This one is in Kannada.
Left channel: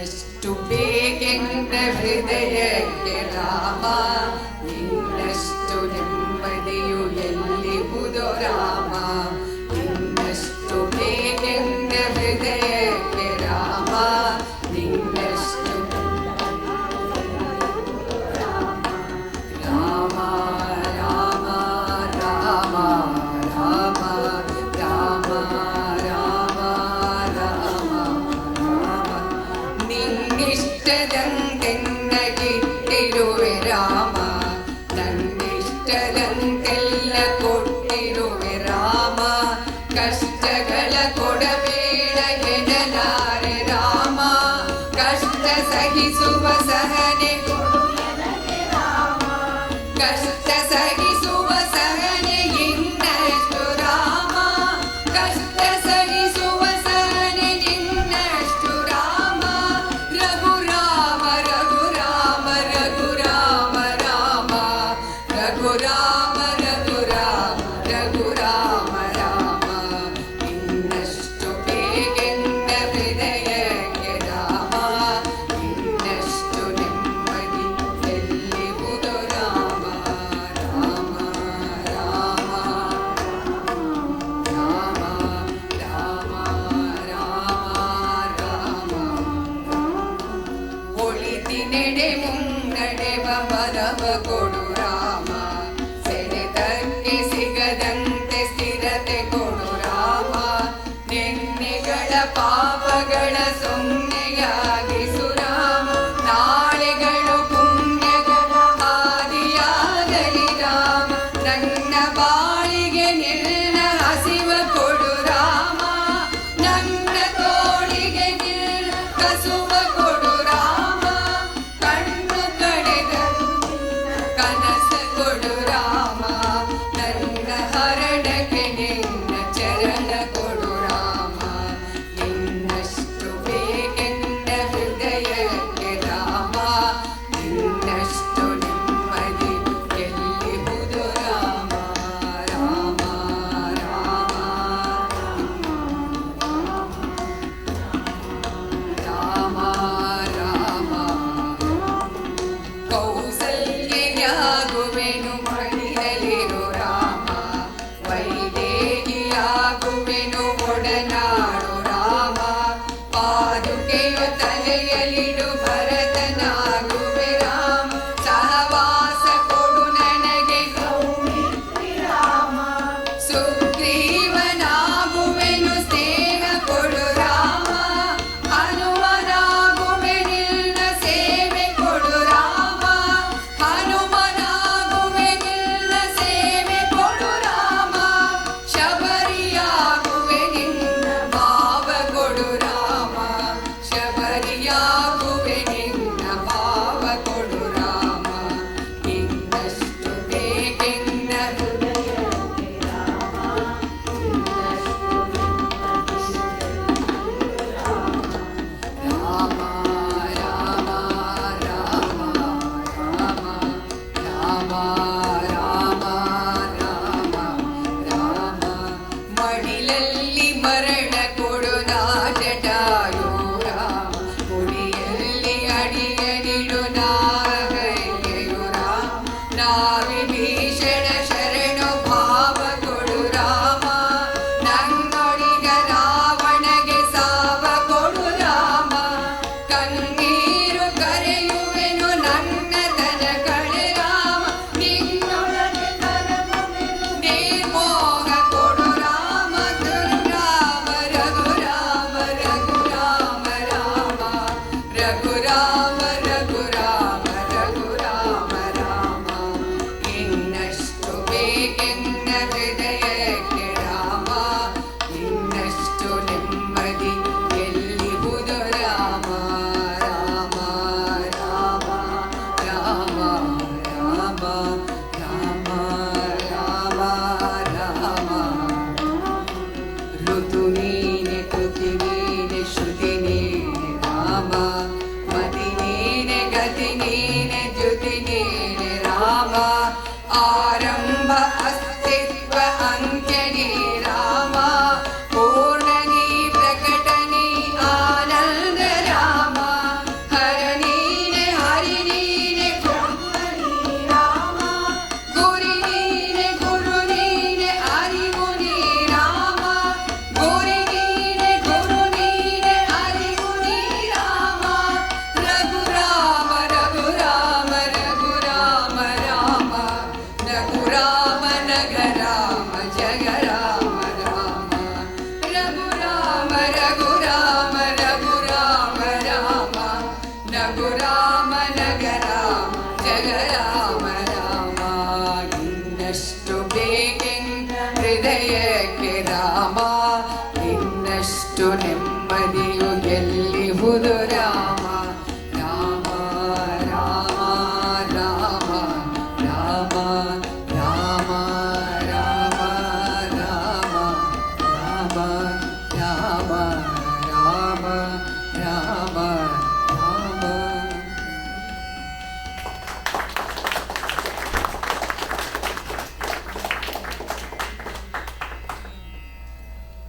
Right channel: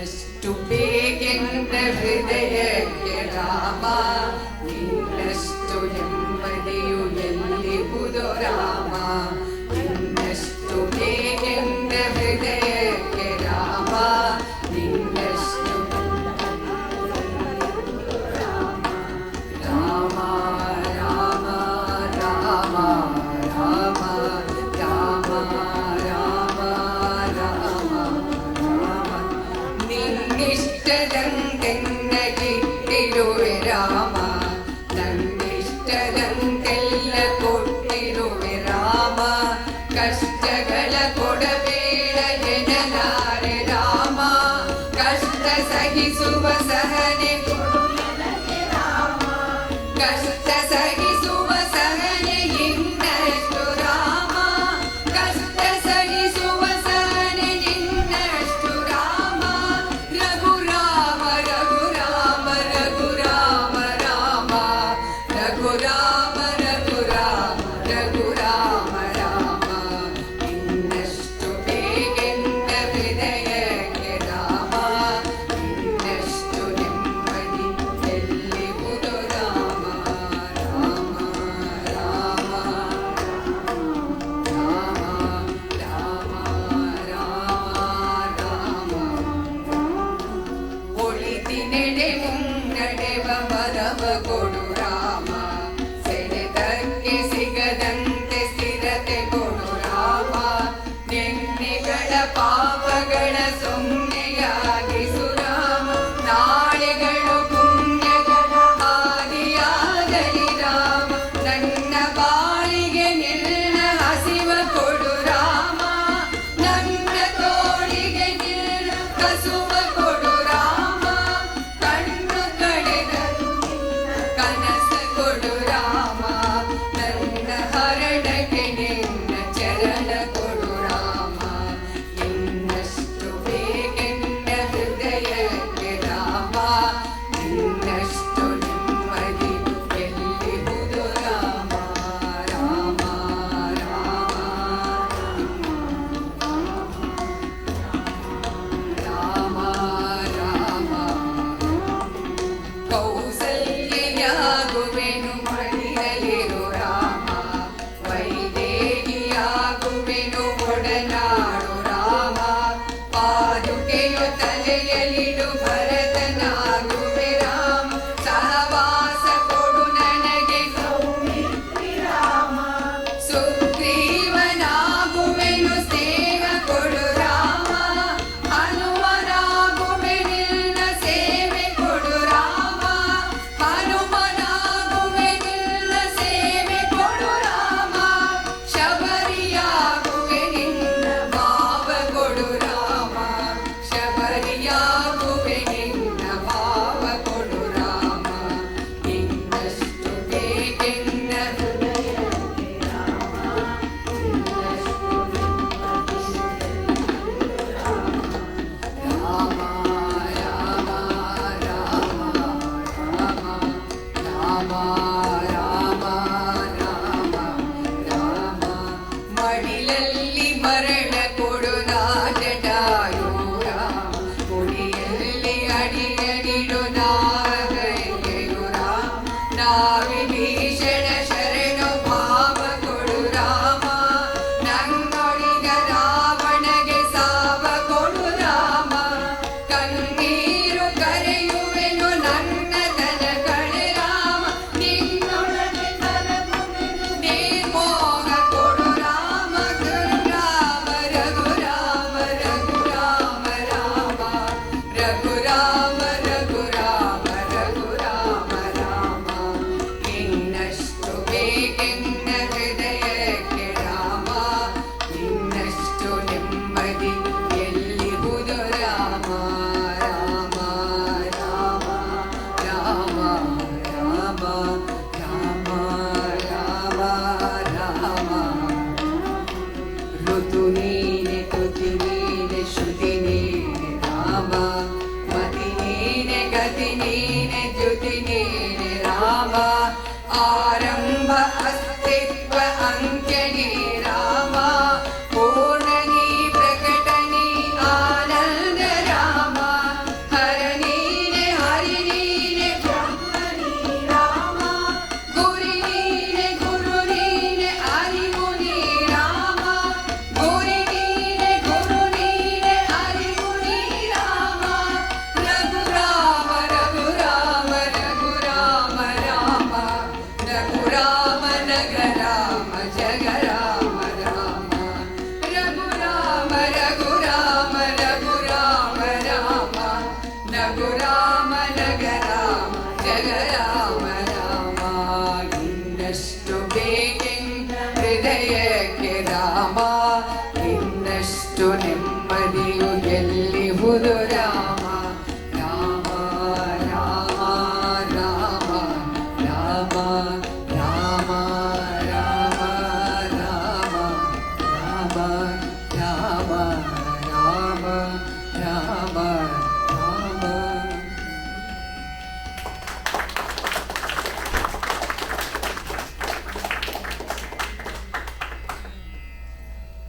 ಎಷ್ಟು ಬೇಕೆಂದ ಹೃದಯಕ್ಕೆ ರಾಮ, ಇನ್ನಷ್ಟು ನೆಮ್ಮದಿಯು ಎಲ್ಲಿಹುದು ರಾಮ. ಇನ್ನಷ್ಟು ಬೇಕೆಂದ ಹೃದಯಕ್ಕೆ ರಾಮ, ಇನ್ನಷ್ಟು ರಾಮ ರಾಮ ರಾಮ ರಾಮ ರಾಮ ರಾಮ ರಾಮ ರಾಮ. ನಿನ್ನಿಷ್ಟದಂತೆನ್ನಗಿಟ್ಟಿರುವೆ ರಾಮ, ನನ್ನಿಷ್ಟದಂತೆಲ್ಲ ಕೊಟ್ಟಿರುವೆ ರಾಮ. ಕಷ್ಟಗಳ ಕೊಡಬೇಡ ಎನ್ನಲಾರೆ ರಾಮ, ಕಷ್ಟ ಸಹಿಸುವ ಸಹನೆ ಕೊಡು ನನಗೆ ರಾಮ. ಕಷ್ಟ ಸಹಿಸುವ ಸಹನೆ ಇನ್ನಷ್ಟು ರಾಮ, ಕಷ್ಟ ಸಹಿಸುವ ಸಹನೆ ಇನ್ನಷ್ಟು ರಾಮ. ರಘು ರಾಮ ರಘು ರಾಮ ರಘು ರಾಮ ರಾಮ, ರಘು ರಾಮ ರಘು ರಾಮ ರಘು ರಾಮ ರಾಮ. ಇನ್ನಷ್ಟು ಬೇಕೆಂದ ಹೃದಯಕ್ಕೆ ರಾಮ, ಇನ್ನಷ್ಟು ನೆಮ್ಮದಿ ಎಲ್ಲಿಹುದು ರಾಮ. ರಾಮ ರಾಮ ರಾಮ ರಾಮ ರಾಮ. ಒಳಿತಿನೆಡೆ ಮುನ್ನಡೆವ ಬಲವ ಕೊಡು ರಾಮ, ಸೆಳೆತಕ್ಕೆ ಸಿಗದಂತೆ ಸ್ಥಿರತೆ ಕೊಡು ರಾಮ. ನೆನ್ನೆಗಳ ಪಾಪಗಳ ಸೊನ್ನೆಯಾಗಿಸು ರಾಮ, ನಾಳೆಗಳು ಪುಣ್ಯಗಳ ಹಾದಿಯಾಗಲಿ ರಾಮ. ನನ್ನ ಬಾಳಿಗೆ ನಿನ್ನ ಹಸಿವ ಕೊಡು ರಾಮ, ನನ್ನ ತೋಳಿಗೆ ನಿನ್ನ ಕಸುವ ಕೊಡು ರಾಮ. ಕಣ್ಣು ಕಡೆದರು ನಿನ್ನ ಕನಸ ಕೊಡು ರಾಮ, ನನ್ನ ಹರಡಗೆ ನಿನ್ನ ಚರಣ ಕೊಡು ರಾಮ. ಇನ್ನಷ್ಟು ಬೇಕೆಂದ ಹೃದಯಕ್ಕೆ ರಾಮ, ಇನ್ನಷ್ಟು ನೆಮ್ಮದಿ ಎಲ್ಲಿಹುದು ರಾಮ. ರಾಮ ರಾಮ ರಾಮ ರಾಮ. ಕೌಸಲ್ಯಾಗುವೆನು ಮಡಿಯಲಿರು ರಾಮ, ವೈದೇಹಿಯಾಗುವೆನು ಒಡನಾಡು ರಾಮ. ಪಾದುಕೆಯ ತಲೆಯಲಿಡು ಭರತನಾಗುವೆ ರಾಮ, ಸಹವಾಸ ಕೊಡು ನನಗೆ ಸೌಮಿತ್ರಿ ರಾಮ. ಸುಗ್ರೀವನಾಗುವೆನು ಸ್ನೇಹ ಕೊಡು ರಾಮ, ಹನುಮನಾಗುವೆ ನಿನ್ನ ಸೇವೆ ಕೊಡು ರಾಮ. ಹನುಮನಾಗುವೆ ನಿನ್ನ ಸೇವೆ ಕೊಡು ರಾಮ, ಶಬರಿಯಾಗುವೆ ನಿನ್ನ ಭಾವ ಕೊಡು ರಾಮ. ಶಬರಿಯಾಗುವೆ ನಿನ್ನ ಎಂಬುದು